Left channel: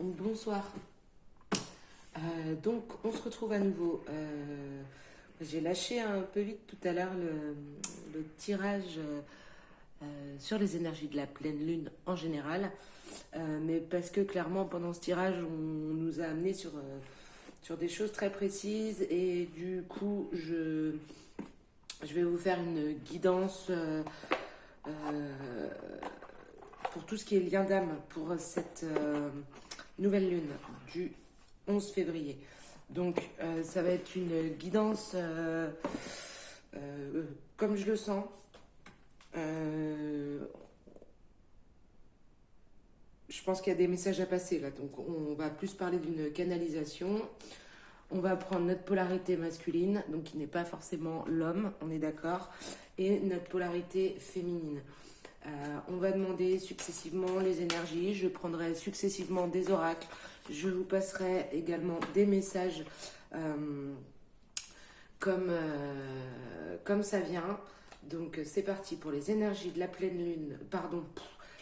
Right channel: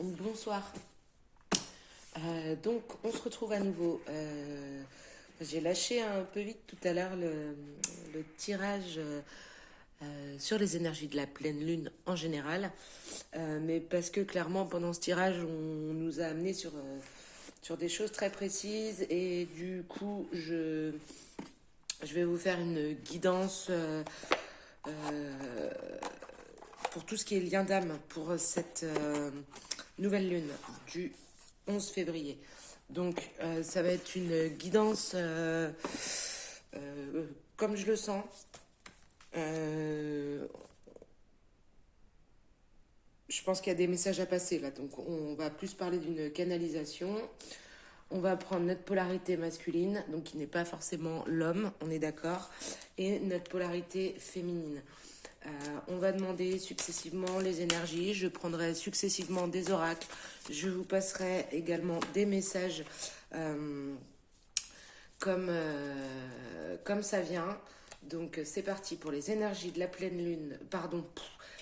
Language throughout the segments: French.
Bonsoir. Donc, on se retrouve à nouveau. J'ai lâché un peu vite tout à l'heure le tirage sur les énergies de la pleine lune en général, mais parce que clairement, pendant ce tirage, on nous a amené sur des choses très précises et du coup, je vais vous faire une guidance pour tout ce qui est lien d'âme pour cette nouvelle lune du 11 février. Donc, ça va être une guidance comme je le sens. Je pense qu'il y a des messages à passer là, donc on va plus parler d'une canalisation. On va prendre notre polarité masculine, donc qui n'est pas forcément l'homme, on est d'accord, et notre polarité féminine. On va demander successivement les énergies, je prendrai successivement des oracles, je vous passerai également des messages comme ça vient. Donc c'est parti pour les énergies de la pleine lune,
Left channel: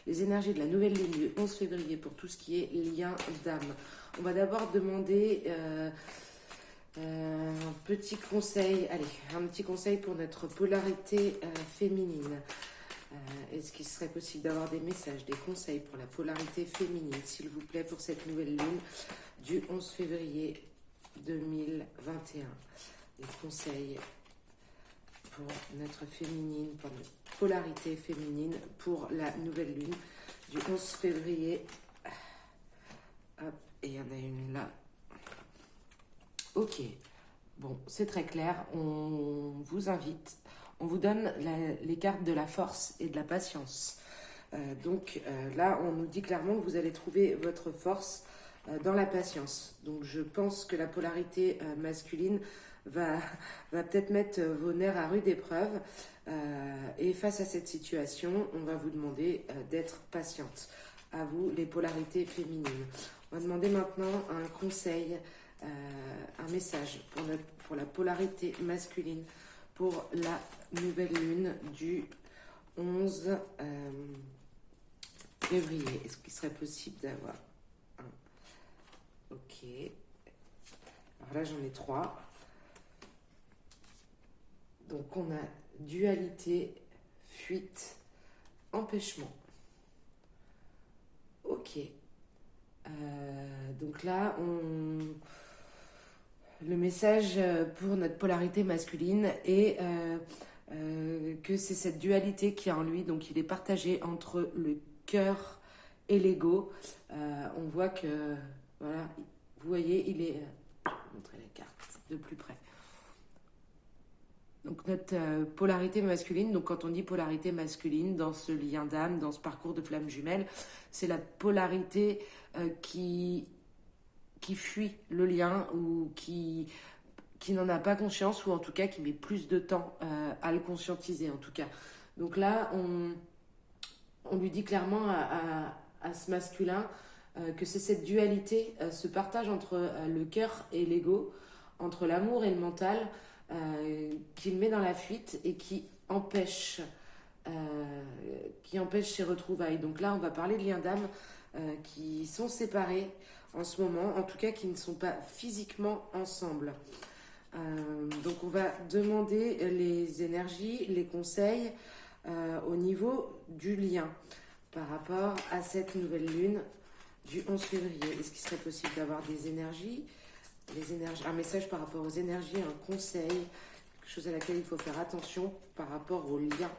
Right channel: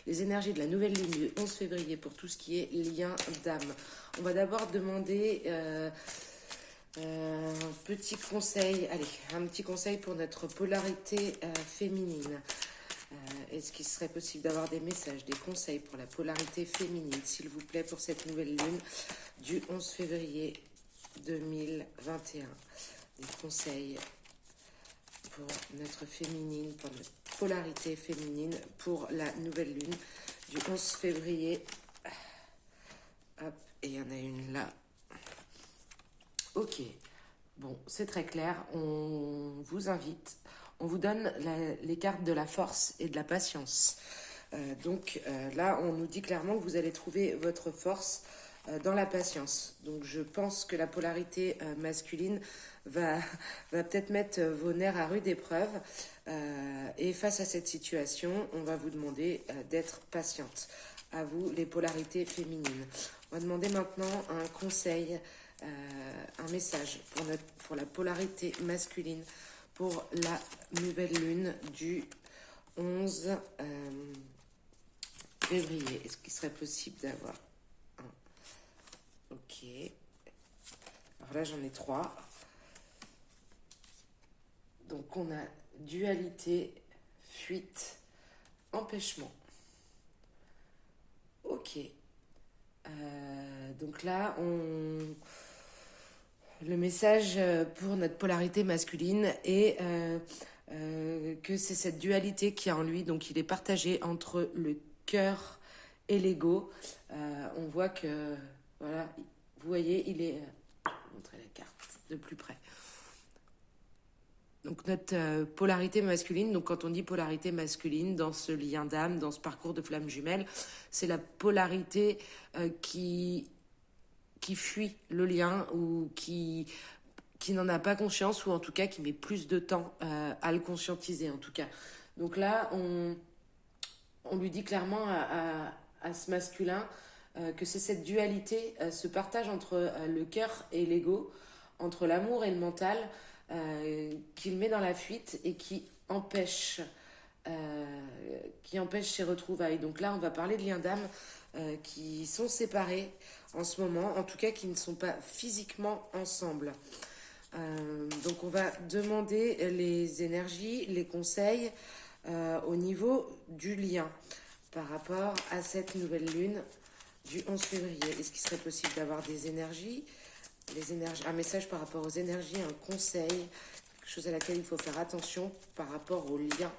les énergies de la nouvelle lune du 11 février pour tout ce qui est lien d'âme. On va d'abord demander un petit conseil, un petit conseil pour notre polarité féminine. Est-ce qu'il serait possible d'avoir des messages, des conseils pour la polarité féminine, s'il vous plaît, pour cette nouvelle lune du 11 février 2021? Des conseils pour notre féminine, pour notre polarité féminine, pour la nouvelle lune du 11 février. Hop, et il y en a une là. Ok, bon, c'est très clair. On vous invite, on vous donne les cartes de la force et de la patience. Là, on nous dit clairement que vous allez trouver votre force dans la patience. Donc je pense que la polarité masculine va peut-être mettre vos nerfs à rude épreuve. Et face à cette situation, on va vous demander d'être patiente. À vous, les polarités féminines. On va demander maintenant un conseil, un message pour la polarité masculine, pour la nouvelle lune du 11 février. Est-ce qu'il serait possible d'avoir un? Ok. Alors là, j'en ai 3. Donc, on a dualité, fuite, empêchement. Ok. Donc là, le message pour notre polarité masculine est que c'est cette dualité qui est en lui, donc il est partagé entre le cœur et l'ego. On voit que, voilà, vous voyez, il est... je vais vous montrer la carte de plus près. Donc notre polarité masculine, donc quand on dit polarité masculine dans ce lien d'âme, dans ce parcours de flamme jumelle, c'est la polarité qui fuit le lien ou qui n'en a pas conscience, ou en tout cas qui met plus de temps à le conscientiser en tout cas. Donc là, on lui dit clairement à ce masculin que c'est cette dualité, ce partage entre le cœur et l'ego, entre l'amour et le mental, qu'il met dans la fuite et qui empêche ses retrouvailles. Donc là, on va parler de liens d'âme qui sont séparés en ce moment, en tout cas qui ne sont pas physiquement ensemble. Donc on va demander les énergies, les conseils au niveau du lien par rapport à cette nouvelle lune du 11 février. Est-ce qu'il serait possible d'avoir des énergies, un message par rapport aux énergies, un conseil, quelque chose à laquelle il faut faire attention par rapport au lien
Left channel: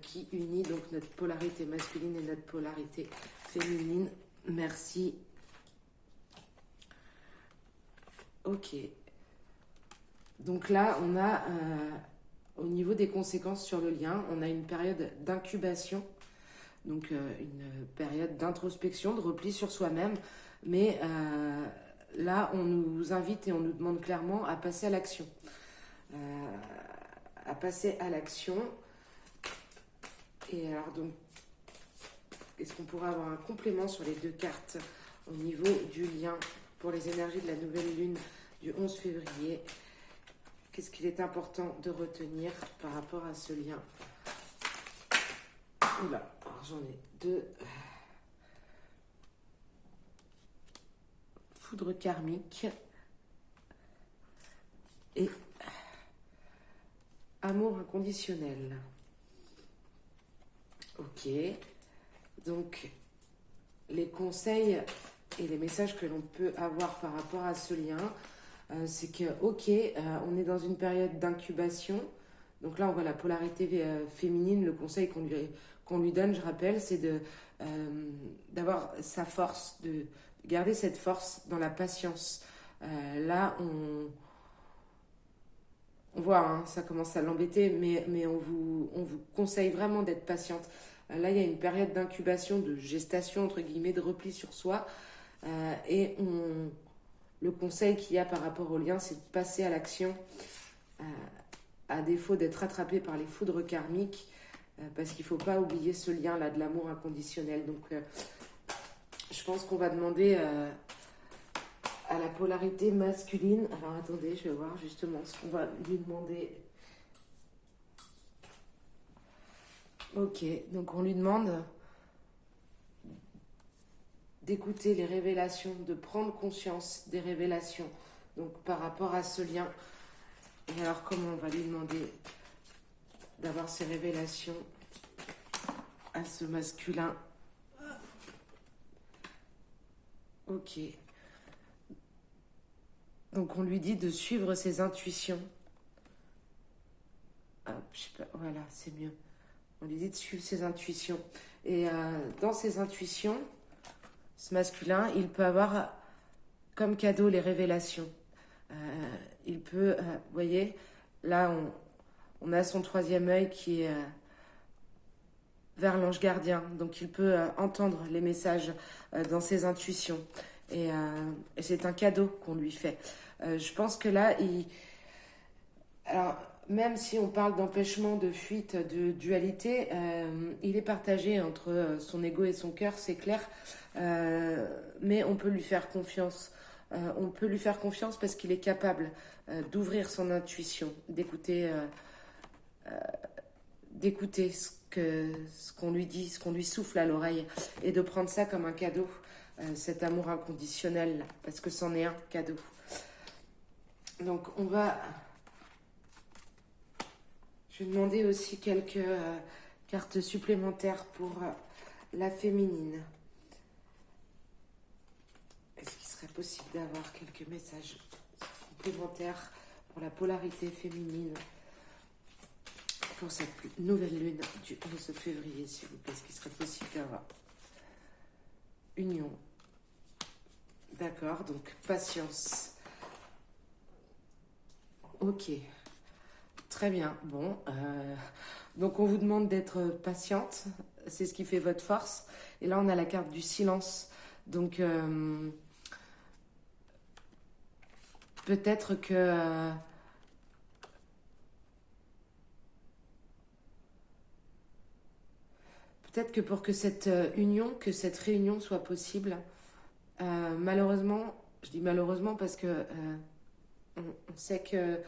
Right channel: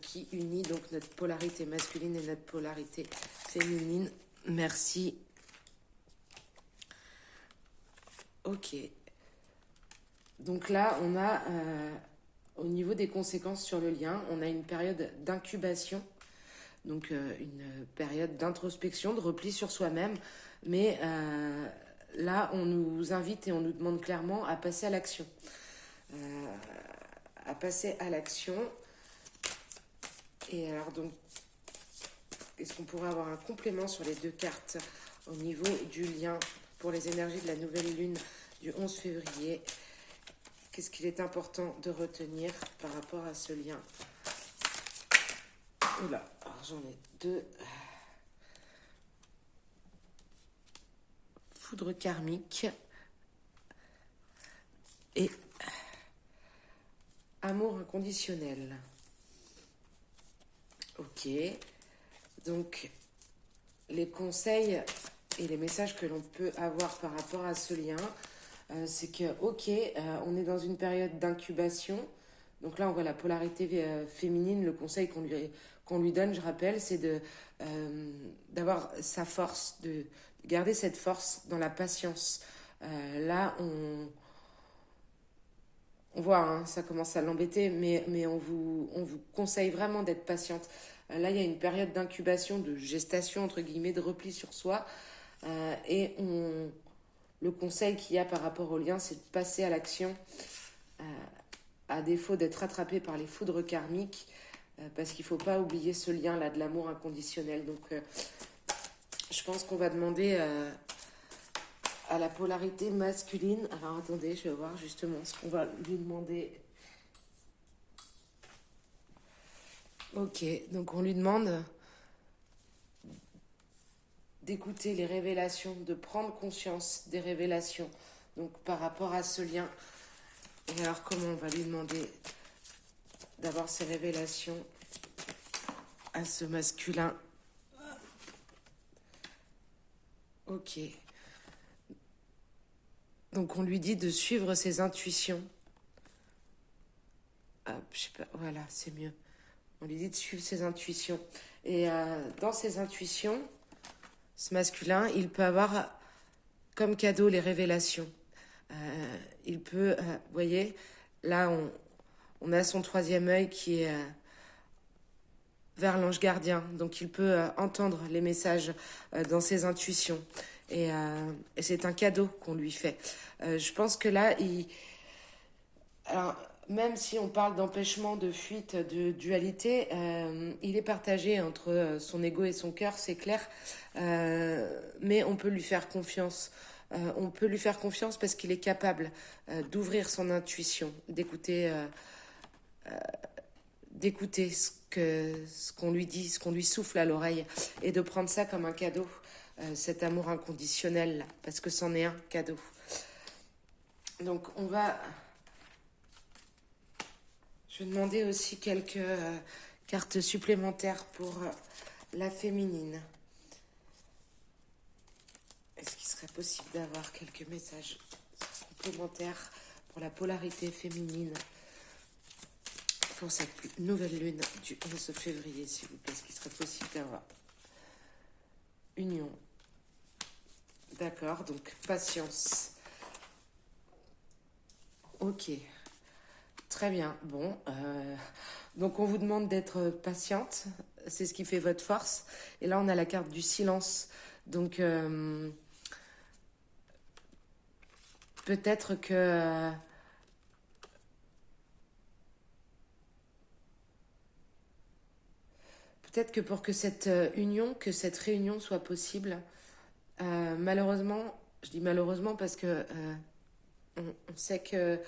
qui unit donc notre polarité masculine et notre polarité féminine? Merci. Ok. Donc là, on a, au niveau des conséquences sur le lien, on a une période d'incubation, donc une période d'introspection, de repli sur soi-même, mais là, on nous invite et on nous demande clairement à passer à l'action. Et alors donc, est-ce qu'on pourrait avoir un complément sur les deux cartes au niveau du lien pour les énergies de la nouvelle lune du 11 février? Qu'est-ce qu'il est important de retenir par rapport à ce lien? Oula, alors j'en ai 2. foudre karmique et amour inconditionnel. Ok, donc les conseils et les messages que l'on peut avoir par rapport à ce lien, c'est que, ok, on est dans une période d'incubation. Donc là, on voit la polarité féminine. Le conseil qu'on lui donne, je rappelle, c'est d'avoir sa force, de garder cette force dans la patience. Là, on voit, hein, ça commence à l'embêter, mais on vous conseille vraiment d'être patiente. Là, il y a une période d'incubation, de gestation, entre guillemets, de repli sur soi. Le conseil qu'il y a par rapport au lien, c'est de passer à l'action, à défaut d'être rattrapé par les foudres karmiques, parce qu'il ne faut pas oublier ce lien-là de l'amour inconditionnel. Donc, je pense qu'on va demander à la polarité masculine. Alors, attendez, je vais voir justement ce qu'on va lui demander. Ok, donc on lui demande d'écouter les révélations, de prendre conscience des révélations, donc par rapport à ce lien. Et alors comment on va lui demander d'avoir ces révélations à ce masculin? Ok. Donc on lui dit de suivre ses intuitions. Hop, je sais pas, voilà, c'est mieux. On lui dit de suivre ses intuitions. Et dans ses intuitions, ce masculin, il peut avoir comme cadeau les révélations. Il peut, vous voyez, là on a son troisième œil qui est vers l'ange gardien. Donc il peut entendre les messages dans ses intuitions. Et c'est un cadeau qu'on lui fait. Je pense que là, alors, même si on parle d'empêchement, de fuite, de dualité, il est partagé entre son ego et son cœur, c'est clair. Mais on peut lui faire confiance. On peut lui faire confiance parce qu'il est capable d'ouvrir son intuition, d'écouter ce qu'on lui dit, ce qu'on lui souffle à l'oreille, et de prendre ça comme un cadeau, cet amour inconditionnel, parce que c'en est un cadeau. Donc je vais demander aussi quelques cartes supplémentaires pour la féminine. Est-ce qu'il serait possible d'avoir quelques messages complémentaires pour la polarité féminine pour sa nouvelle lune du 11 février, s'il vous plaît? Est-ce qu'il serait possible d'avoir union? D'accord, donc patience. Ok, très bien. Bon, donc on vous demande d'être patiente, c'est ce qui fait votre force. Et là, on a la carte du silence. Donc, peut-être que... peut-être que pour que cette union, que cette réunion soit possible, malheureusement, je dis malheureusement parce que on sait que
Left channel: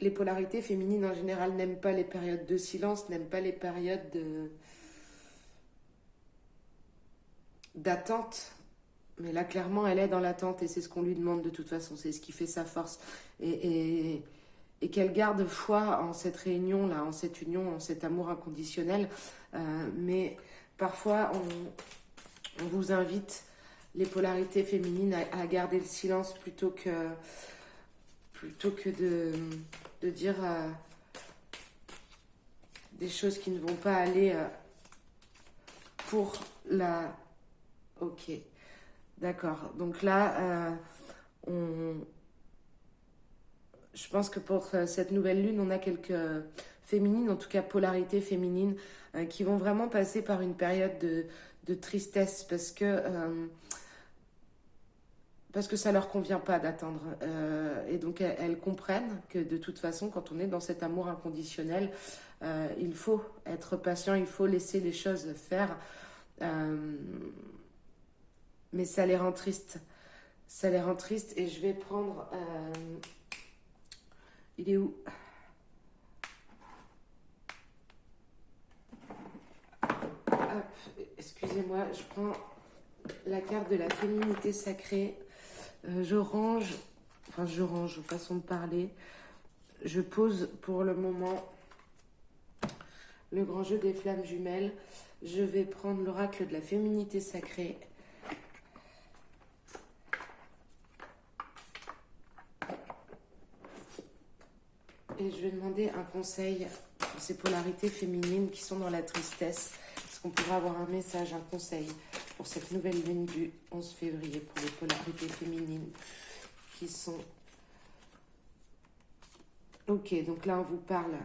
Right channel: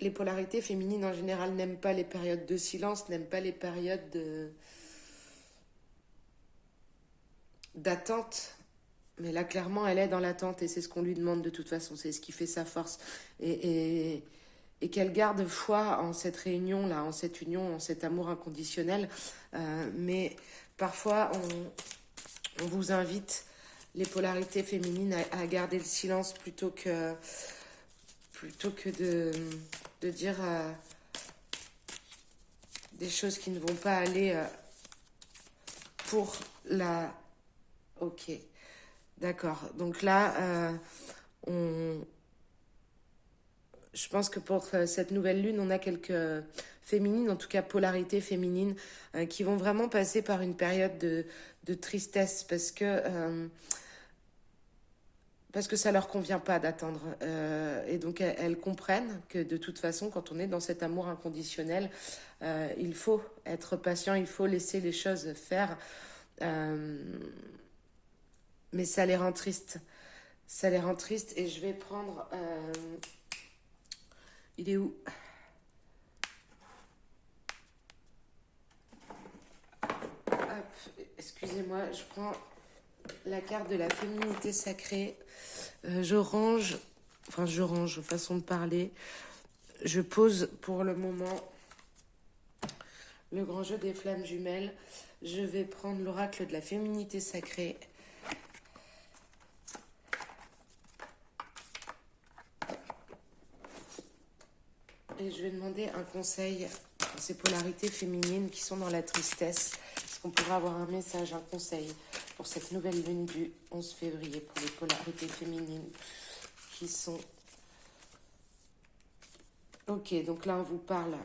les polarités féminines en général n'aiment pas les périodes de silence, n'aiment pas les périodes d'attente. Mais là, clairement, elle est dans l'attente et c'est ce qu'on lui demande de toute façon. C'est ce qui fait sa force. Et qu'elle garde foi en cette réunion-là, en cette union, en cet amour inconditionnel. Mais parfois, on vous invite, les polarités féminines, à garder le silence plutôt que de dire des choses qui ne vont pas aller pour la... Ok, d'accord. Donc là, je pense que pour cette nouvelle lune, on a quelques féminines, en tout cas polarités féminines, qui vont vraiment passer par une période de tristesse parce que ça leur convient pas d'attendre. Et donc elles comprennent que de toute façon, quand on est dans cet amour inconditionnel, il faut être patient, il faut laisser les choses faire. Mais ça les rend tristes. Ça les rend tristes et je vais prendre... il est où? Hop, excusez-moi, je prends la carte de la féminité sacrée. Je range, façon de parler. Je pose pour le moment le grand jeu des flammes jumelles. Je vais prendre l'oracle de la féminité sacrée. Et je vais demander un conseil pour ces polarités féminines qui sont dans la tristesse. Est-ce qu'on pourrait avoir un message, un conseil pour cette nouvelle lune du 11 février pour les polarités féminines qui sont... Ok, donc là on vous parle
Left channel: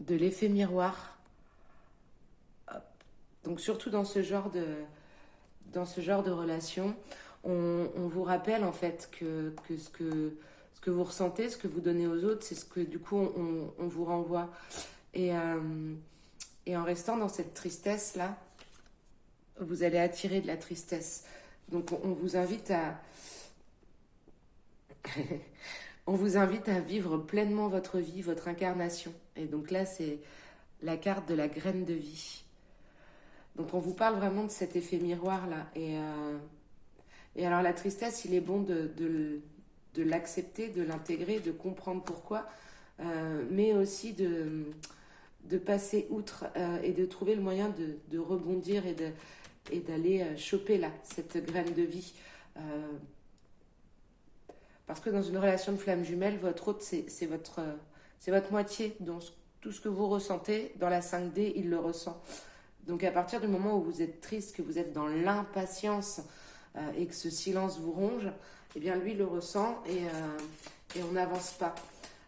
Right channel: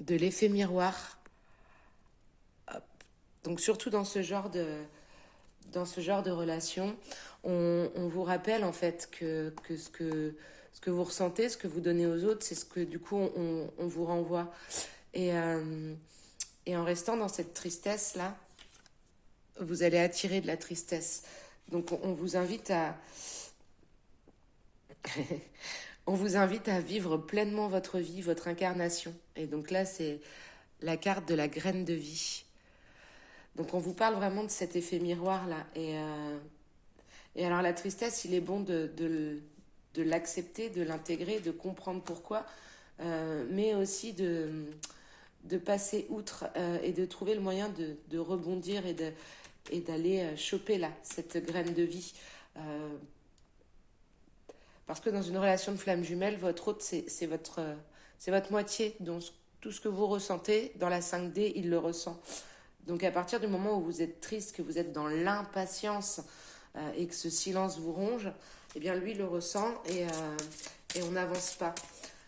de l'effet miroir. Hop. Donc surtout dans ce genre de relation, on vous rappelle en fait que ce que vous ressentez, ce que vous donnez aux autres, c'est ce que du coup on vous renvoie. Et en restant dans cette tristesse-là, vous allez attirer de la tristesse. Donc on vous invite à... on vous invite à vivre pleinement votre vie, votre incarnation. Et donc là, c'est la carte de la graine de vie. Donc on vous parle vraiment de cet effet miroir-là. Et alors la tristesse, il est bon de l'accepter, de l'intégrer, de comprendre pourquoi, mais aussi de passer outre et de trouver le moyen de rebondir et d'aller choper là, cette graine de vie. Parce que dans une relation de flamme jumelle, votre autre, c'est votre moitié. Donc tout ce que vous ressentez dans la 5D, il le ressent. Donc à partir du moment où vous êtes triste, que vous êtes dans l'impatience et que ce silence vous ronge, eh bien lui le ressent et on n'avance pas.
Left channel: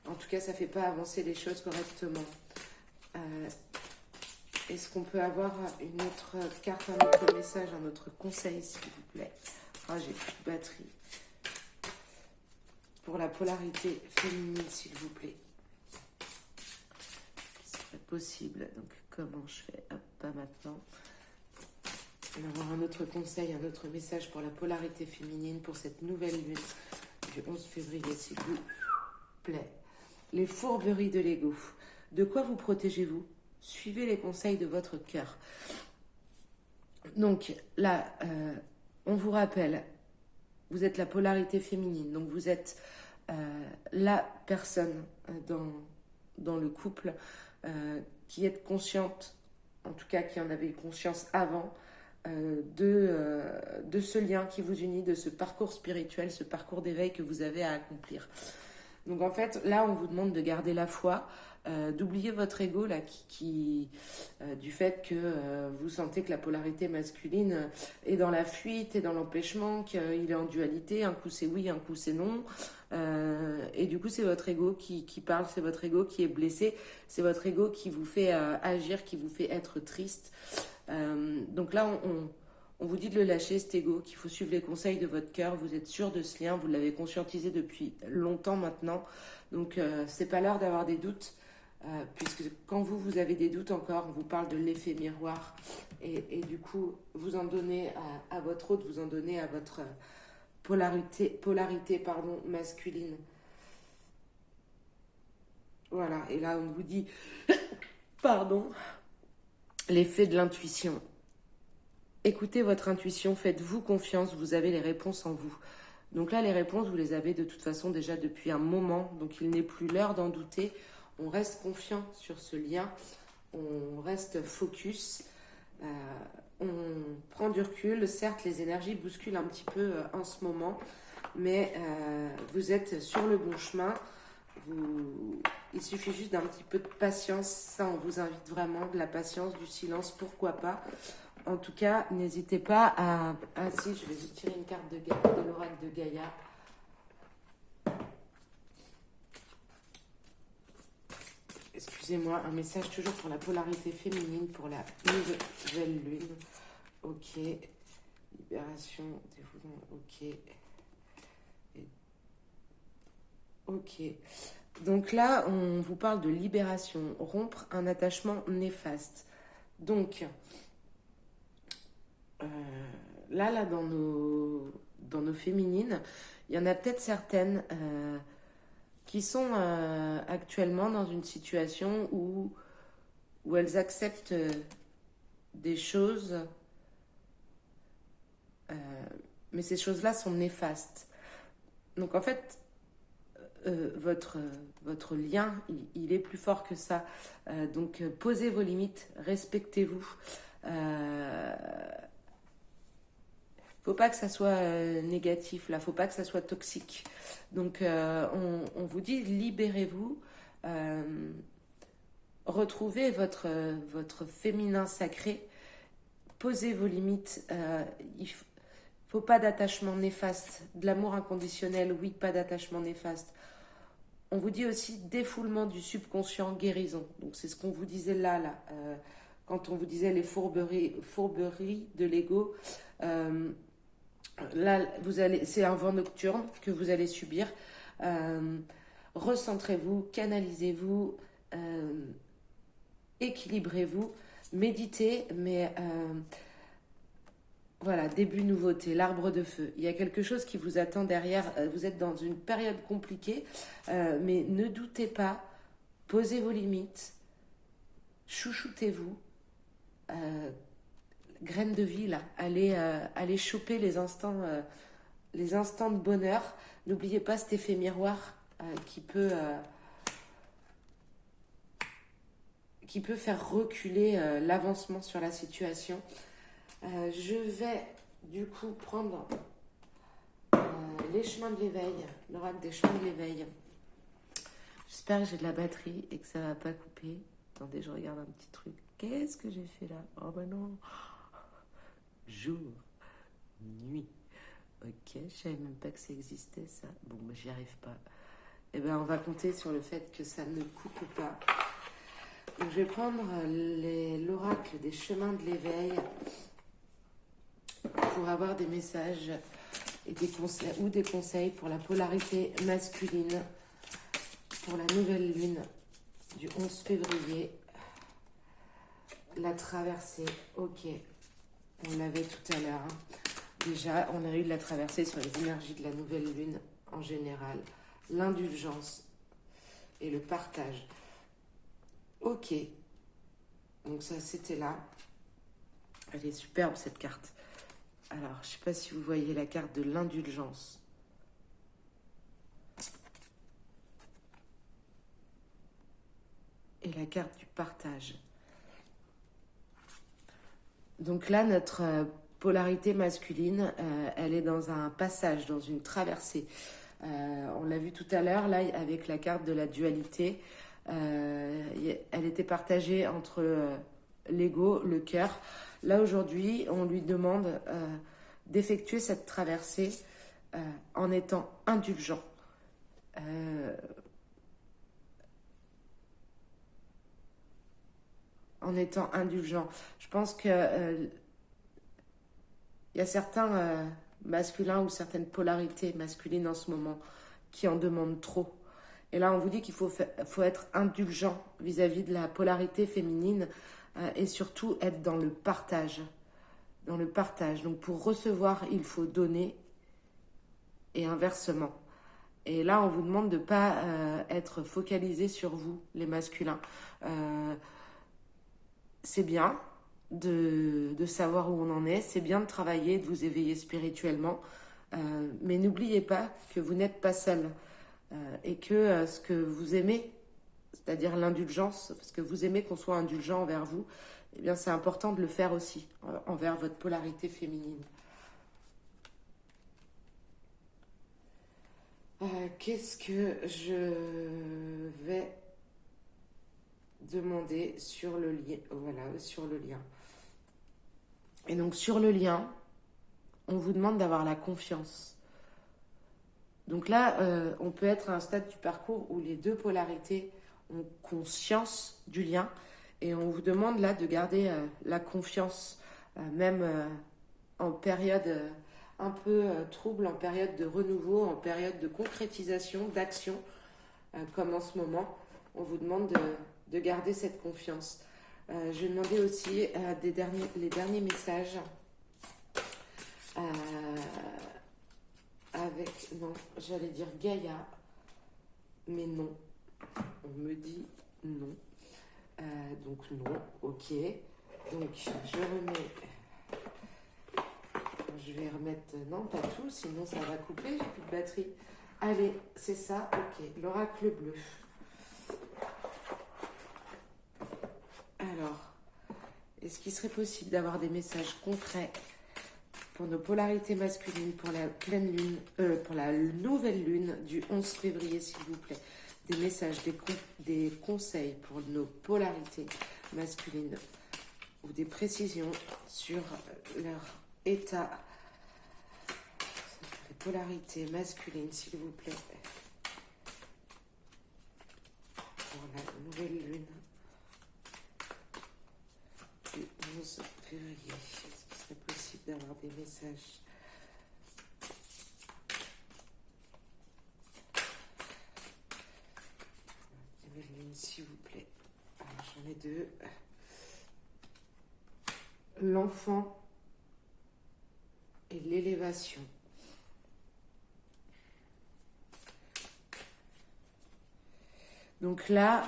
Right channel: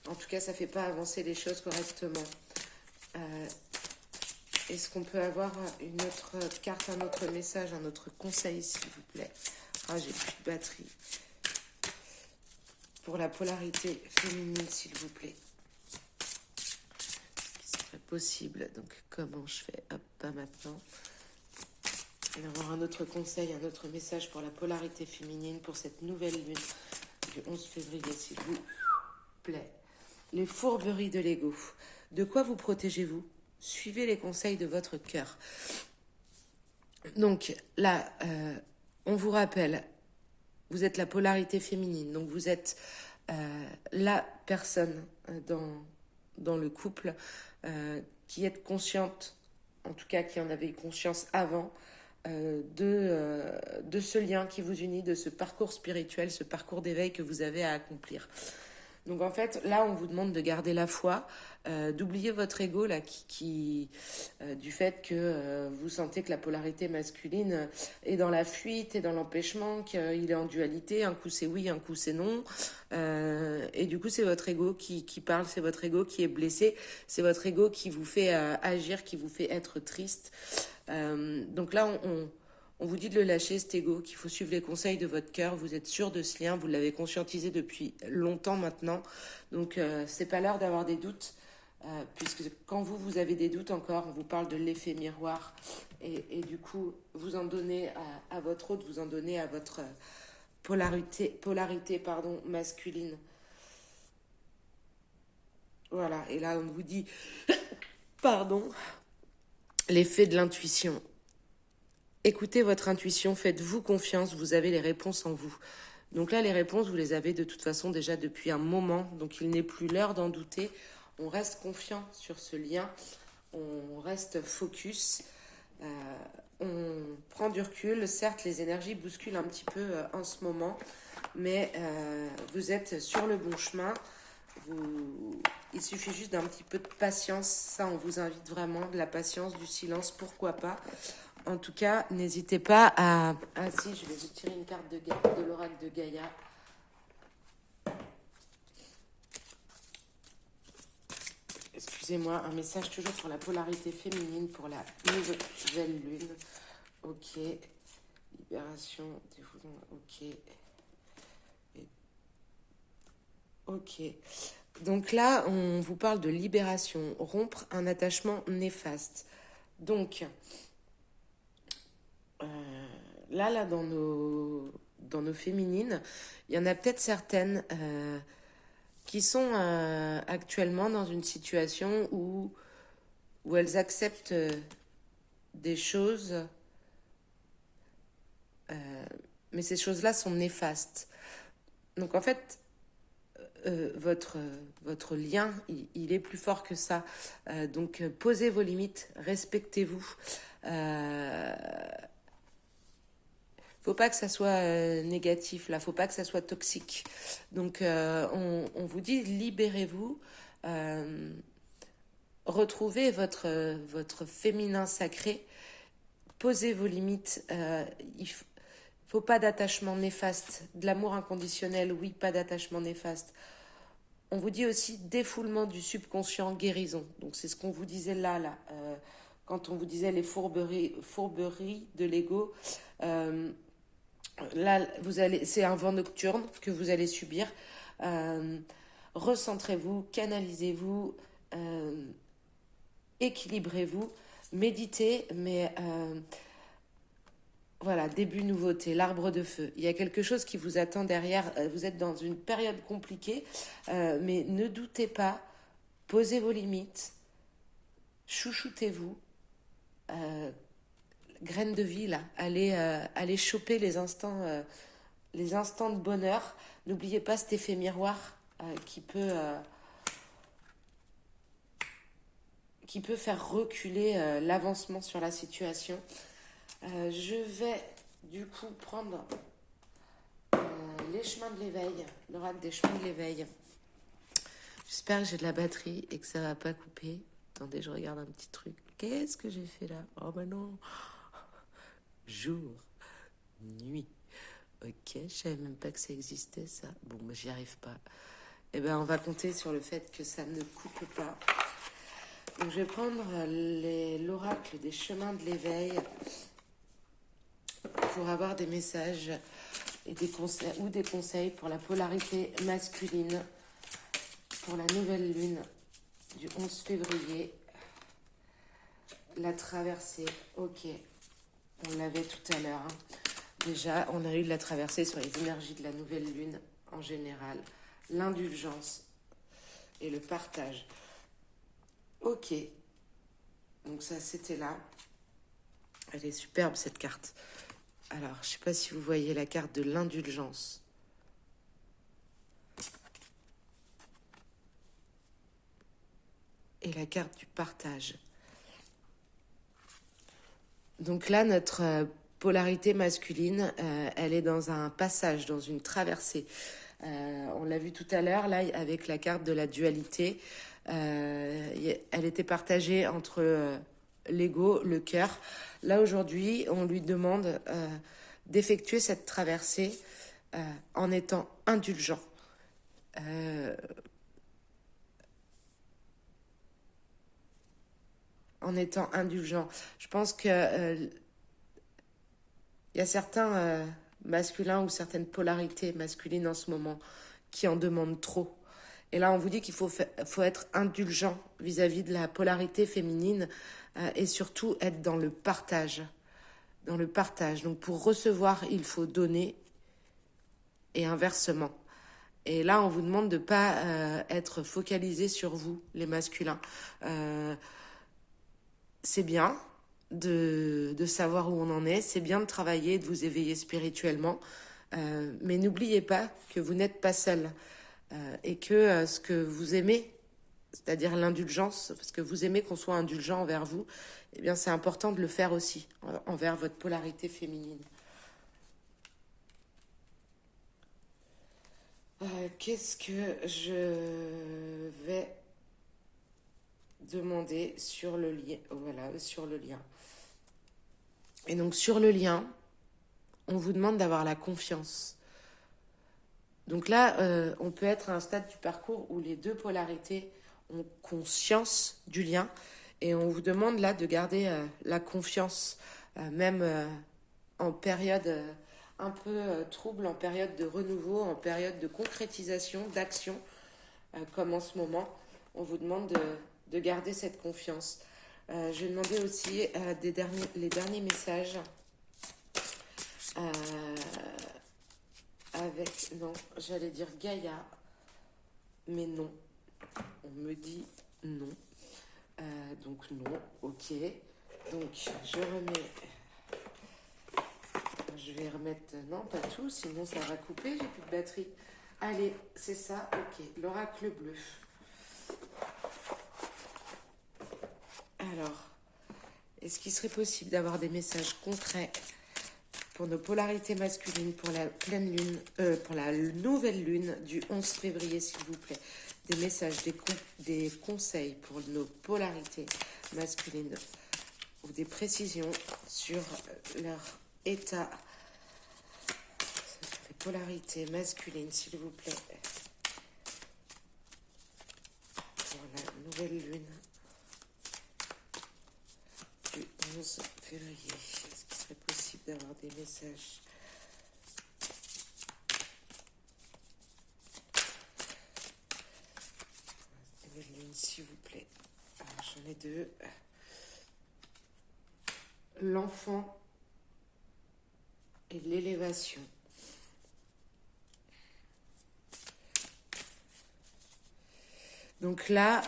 En tout cas, ça ne fait pas avancer les choses correctement. Est-ce qu'on peut avoir une autre carte, un autre message, un autre conseil, s'il vous plaît? Ah, j'ai plus de batterie. Pour la polarité féminine, s'il vous plaît. Ce qui serait possible. Donc, comment je fais? Hop, pas maintenant. On va avoir un autre conseil, un autre message pour la polarité féminine, pour cette nouvelle lune du 11 février, s'il vous plaît. Les fourberies de l'ego. De quoi vous protégez-vous? Suivez les conseils de votre cœur. Donc, là, on vous rappelle... Vous êtes la polarité féminine, donc vous êtes la personne dans le couple qui est consciente, en tout cas qui en avait conscience avant, de ce lien qui vous unit, de ce parcours spirituel, ce parcours d'éveil que vous avez à accomplir. Donc en fait, là, on vous demande de garder la foi, d'oublier votre ego là, du fait que vous sentez que la polarité masculine est dans la fuite, est dans l'empêchement, qu'il est en dualité, un coup c'est oui, un coup c'est non. Et du coup, c'est votre ego qui parle, c'est votre ego qui est blessé, c'est votre ego qui vous fait agir, qui vous fait être triste. Donc là, on vous dit de le lâcher, cet ego, qu'il faut suivre les conseils de votre cœur. Vous êtes sûr de ce lien, vous l'avez conscientisé depuis longtemps maintenant. Donc, c'est pas l'heure d'avoir des doutes, puisque quand vous avez des doutes encore, on vous parle de l'effet miroir. Et du coup, vous en donnez à votre autre, vous en donnez à votre polarité masculine. Voilà, et là, on vous dit, pardon, l'effet de l'intuition. Écoutez votre intuition, faites-vous confiance, vous avez les réponses en vous. Donc là, les réponses, vous les avez de toute façon déjà depuis un moment, donc il n'est plus l'heure d'en douter. On reste confiant sur ce lien, on reste focus, on prend du recul. Certes, les énergies bousculent un petit peu en ce moment, mais vous êtes sur le bon chemin. Il suffit juste d'un petit peu de patience, ça on vous invite vraiment, de la patience, du silence, pourquoi pas. En tout cas, n'hésitez pas à... Ah si, je vais vous tirer une carte de l'oracle de Gaïa. Excusez-moi, un message toujours sur la polarité féminine pour la nouvelle lune. Ok. Libération, ok. Ok. Donc là, on vous parle de libération, rompre un attachement néfaste. Donc... là dans nos féminines, il y en a peut-être certaines qui sont actuellement dans une situation où elles acceptent des choses, mais ces choses-là sont néfastes. Donc en fait, votre lien, il est plus fort que ça. Donc posez vos limites, respectez-vous. Faut pas que ça soit négatif, là, faut pas que ça soit toxique. Donc on vous dit libérez-vous, retrouvez votre féminin sacré, posez vos limites. Il faut pas d'attachement néfaste, de l'amour inconditionnel, oui, pas d'attachement néfaste. On vous dit aussi défoulement du subconscient, guérison. Donc c'est ce qu'on vous disait là. Quand on vous disait les fourberies de l'ego. Là, c'est un vent nocturne que vous allez subir. Recentrez-vous, canalisez-vous, équilibrez-vous, méditez, mais voilà, début nouveauté, l'arbre de feu. Il y a quelque chose qui vous attend derrière. Vous êtes dans une période compliquée, mais ne doutez pas, posez vos limites, chouchoutez-vous, graines de vie, là. Allez choper les instants de bonheur. N'oubliez pas cet effet miroir qui peut faire reculer l'avancement sur la situation. Je vais du coup prendre les chemins de l'éveil, l'oracle des chemins de l'éveil. J'espère que j'ai de la batterie et que ça va pas couper. Attendez, je regarde un petit truc. Qu'est-ce que j'ai fait là? Oh ben non. Jour, nuit. Ok, je savais même pas que ça existait ça. Bon, ben j'y arrive pas. Eh ben on va compter sur le fait que ça ne coupe pas. Donc je vais prendre l'oracle des chemins de l'éveil pour avoir des messages et des conseils pour la polarité masculine pour la nouvelle lune du 11 février. La traversée, ok, on l'avait tout à l'heure. Déjà, on a eu de la traversée sur les énergies de la nouvelle lune en général, l'indulgence et le partage. Ok, donc ça c'était là. Elle est superbe cette carte. Alors, je ne sais pas si vous voyez la carte de l'indulgence. Et la carte du partage. Donc là, notre polarité masculine, elle est dans un passage, dans une traversée. On l'a vu tout à l'heure, là, avec la carte de la dualité. Elle était partagée entre l'ego, le cœur. Là, aujourd'hui, on lui demande d'effectuer cette traversée en étant indulgent. En étant indulgent. Je pense que y a certains masculins ou certaines polarités masculines en ce moment qui en demandent trop. Et là, on vous dit qu'il faut être indulgent vis-à-vis de la polarité féminine et surtout être dans le partage. Dans le partage. Donc, pour recevoir, il faut donner et inversement. Et là, on vous demande de ne pas être focalisé sur vous, les masculins. C'est bien de savoir où on en est, c'est bien de travailler, de vous éveiller spirituellement, mais n'oubliez pas que vous n'êtes pas seul et que ce que vous aimez, c'est-à-dire l'indulgence, parce que vous aimez qu'on soit indulgent envers vous, eh bien c'est important de le faire aussi envers votre polarité féminine. Qu'est-ce que je vais demander sur le lien? Voilà, sur le lien. Et donc sur le lien, on vous demande d'avoir la confiance. Donc là, on peut être à un stade du parcours où les deux polarités ont conscience du lien et on vous demande là de garder la confiance, même en période un peu trouble, en période de renouveau, en période de concrétisation, d'action, comme en ce moment. On vous demande de garder cette confiance. Je vais demander aussi les derniers messages avec, non, j'allais dire Gaïa, mais non, on me dit non. Donc non, ok. Donc je vais remettre... Non, pas tout, sinon ça va couper, j'ai plus de batterie. Allez, c'est ça, ok. L'oracle bleu. Alors, est-ce qu'il serait possible d'avoir des messages concrets pour nos polarités masculines, pour la pleine lune, pour la nouvelle lune du 11 février, s'il vous plaît? Des messages, des conseils pour nos polarités masculines ou des précisions sur leur état. Les polarités masculines, s'il vous plaît, pour la nouvelle lune du 11 février. Est-ce qu'il serait possible d'avoir des messages? Nouvelle lune, s'il vous plaît. Alors, j'en ai deux. L'enfant et l'élévation. Donc là,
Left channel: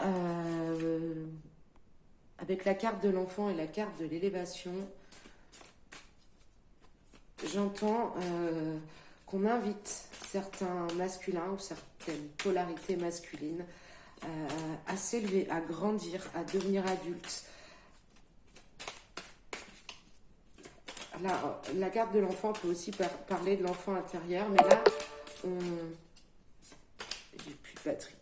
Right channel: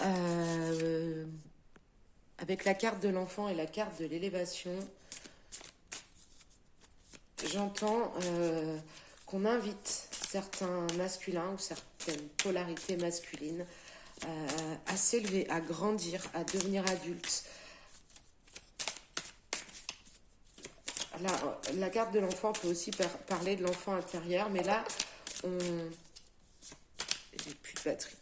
avec la carte de l'enfant et la carte de l'élévation, j'entends qu'on invite certains masculins ou certaines polarités masculines à s'élever, à grandir, à devenir adultes. Là, la carte de l'enfant peut aussi parler de l'enfant intérieur, mais là, j'ai plus de batterie.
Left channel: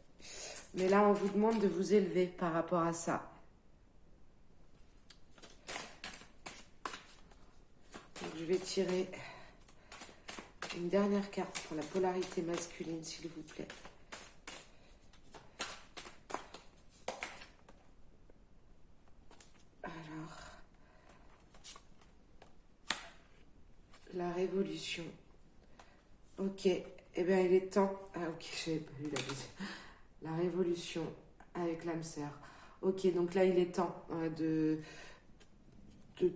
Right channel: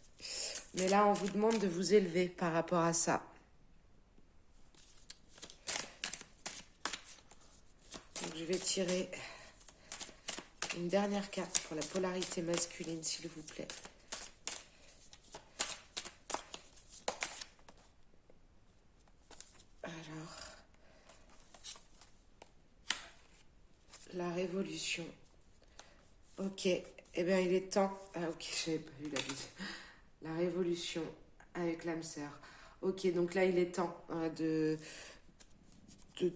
Mais là, on vous demande de vous élever par rapport à ça. Donc, je vais tirer une dernière carte pour la polarité masculine, s'il vous plaît. Alors, la révolution. Ok, eh bien, il est temps. Ah, ok, je n'avais pas vu la deuxième. La révolution avec l'âme sœur. Ok, donc là, il est temps de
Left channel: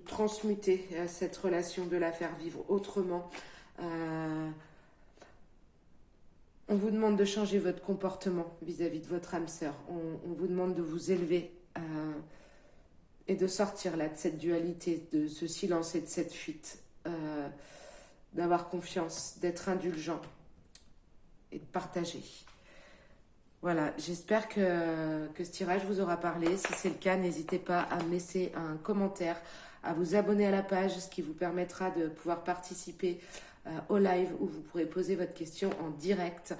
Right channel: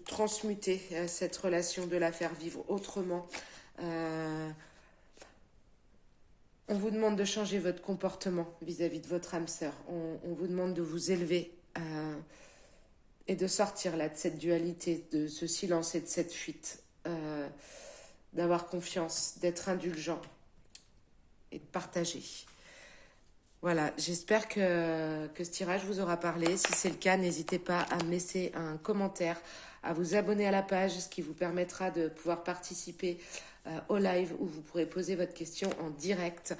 transmuter cette relation, de la faire vivre autrement. On vous demande de changer votre comportement vis-à-vis de votre âme sœur. On vous demande de vous élever et de sortir là de cette dualité, de ce silence et de cette fuite. D'avoir confiance, d'être indulgent et de partager. Voilà, j'espère que ce tirage vous aura parlé. Si c'est le cas, n'hésitez pas à me laisser un commentaire, à vous abonner à la page, ce qui vous permettra de pouvoir participer au live où vous pourrez poser votre question en direct.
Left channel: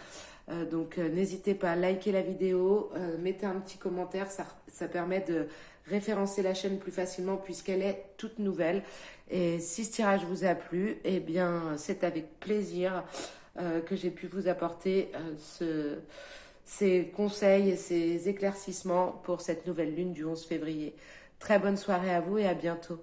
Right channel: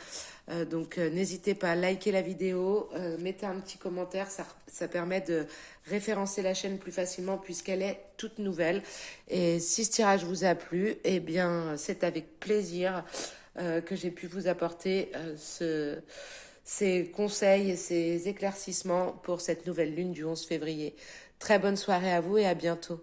Donc n'hésitez pas à liker la vidéo, mettez un petit commentaire, ça permet de référencer la chaîne plus facilement puisqu'elle est toute nouvelle. Et si ce tirage vous a plu, eh bien c'est avec plaisir que j'ai pu vous apporter ces conseils et ces éclaircissements pour cette nouvelle lune du 11 février. Très bonne soirée à vous et à bientôt.